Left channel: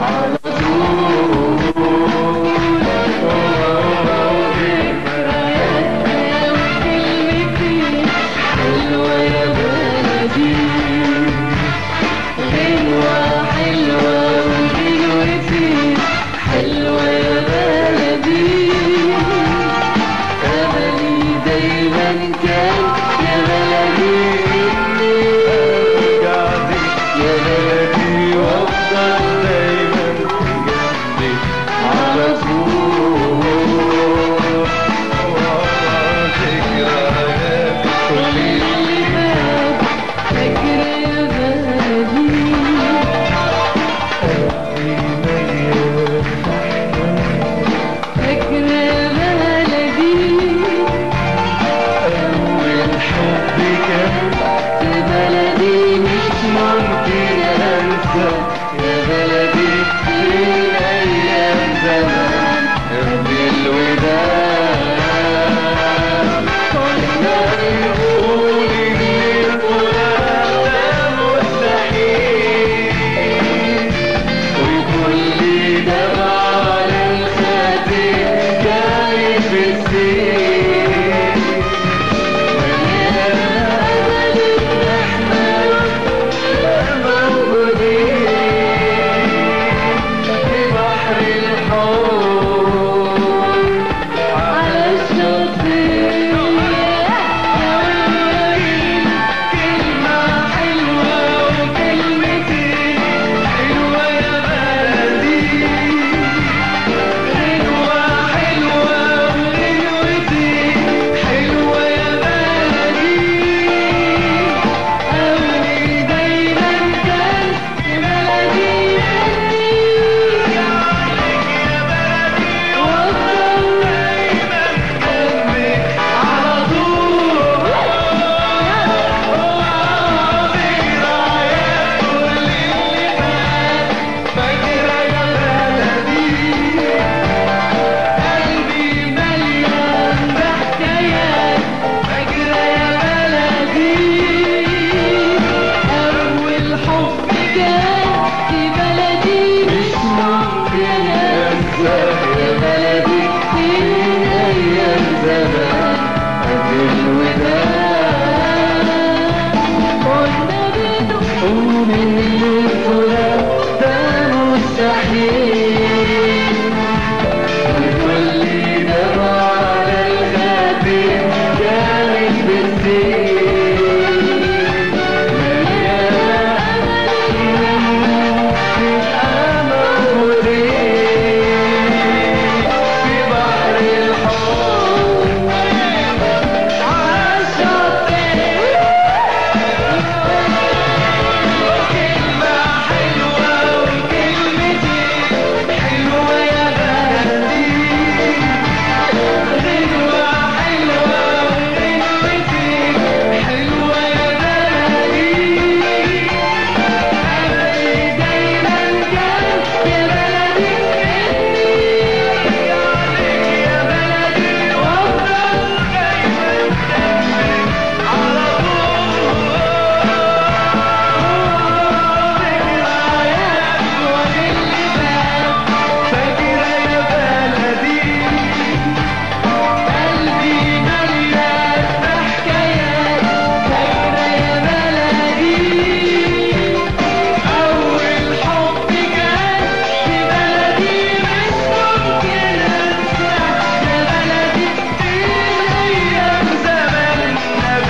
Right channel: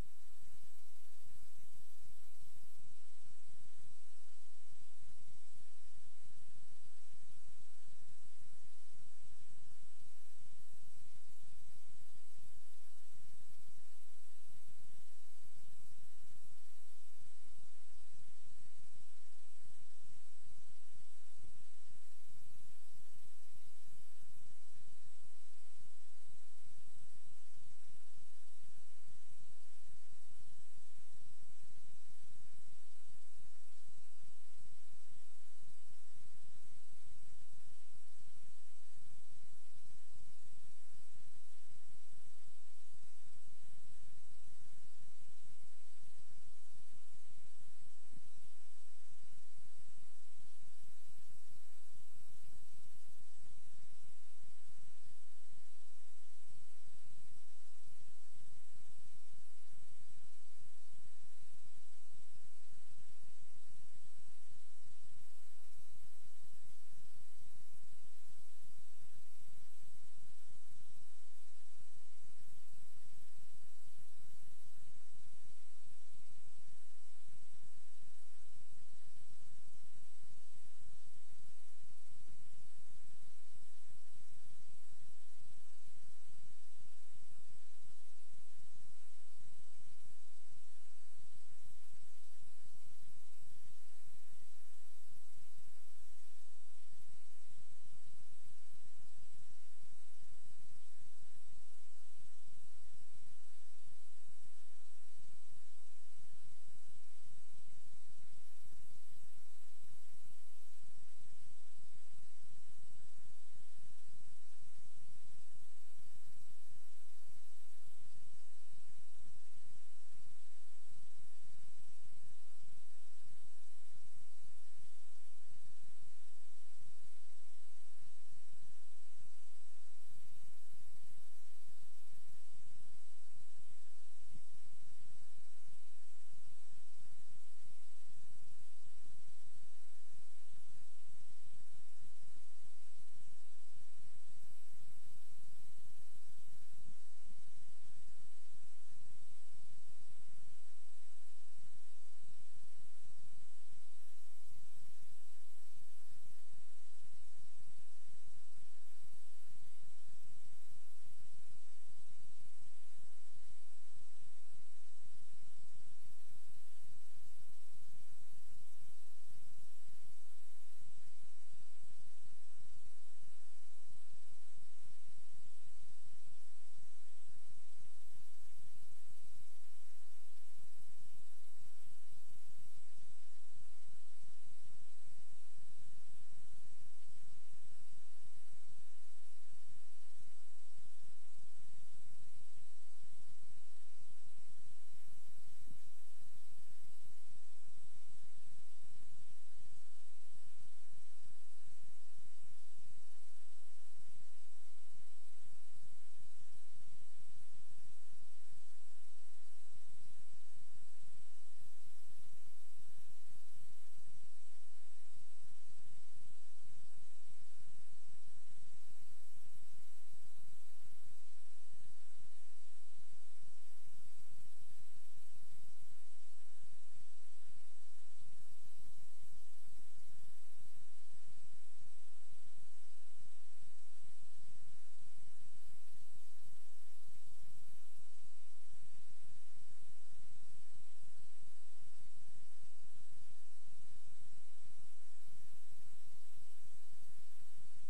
على طول ذكرياتنا وكلمتين حلوة يا بلدي، غنوة حلوة وغنوتين حلوة يا بلدي. أملي دايما كان يا بلدي إني أرجع لك يا بلدي وأفضل دايما جنبك على طول. ذكريات كل اللي فات فاكرة يا بلدي، قلبي مليان فاكرة يا بلدي. أول حب كان في بلدي مش ممكن أنسى يا بلدي، من أيام زمان قبل الوداع. كنا نقول إن الفراق ده مستحيل، وكل دمعة على الخدين كانت بتسيل. مليانة أمل إن إحنا موجودين في بحر الحب على الشاطئ. كلمة حلوة وكلمتين حلوة يا بلدي، غنوة حلوة وغنوتين حلوة يا بلدي. أملي دايما كان في بلدي إني أعلك يا بلدي وأفضل دايما جنبك على طول. ذكريات كل اللي فات فاكرة يا بلدي، قلبي مليان بحكايات فاكرة يا بلدي. أول حب كان في بلدي مش ممكن أنسى يا بلدي، من أيام زمان قبل الوداع. كنا بنقول إن الفراق ده مستحيل، وكل دمعة على الخدين كانت بتسيل. مليانة أمل نبقى موجودين في بحر الحب على الشاطئ. كلمة حلوة وكلمتين حلوة يا بلدي، غنوة حلوة وغنوتين حلوة يا بلدي. أملي دايما كان يا بلدي إني أرجع لك يا بلدي وأفضل دايما جنبك على طول. ذكريات كل اللي فات فاكرة يا بلدي، قلبي مليان بحكايات فاكرة يا بلدي. أول حب كان في بلدي مش ممكن أنسى يا بلدي، من أيام زمان قبل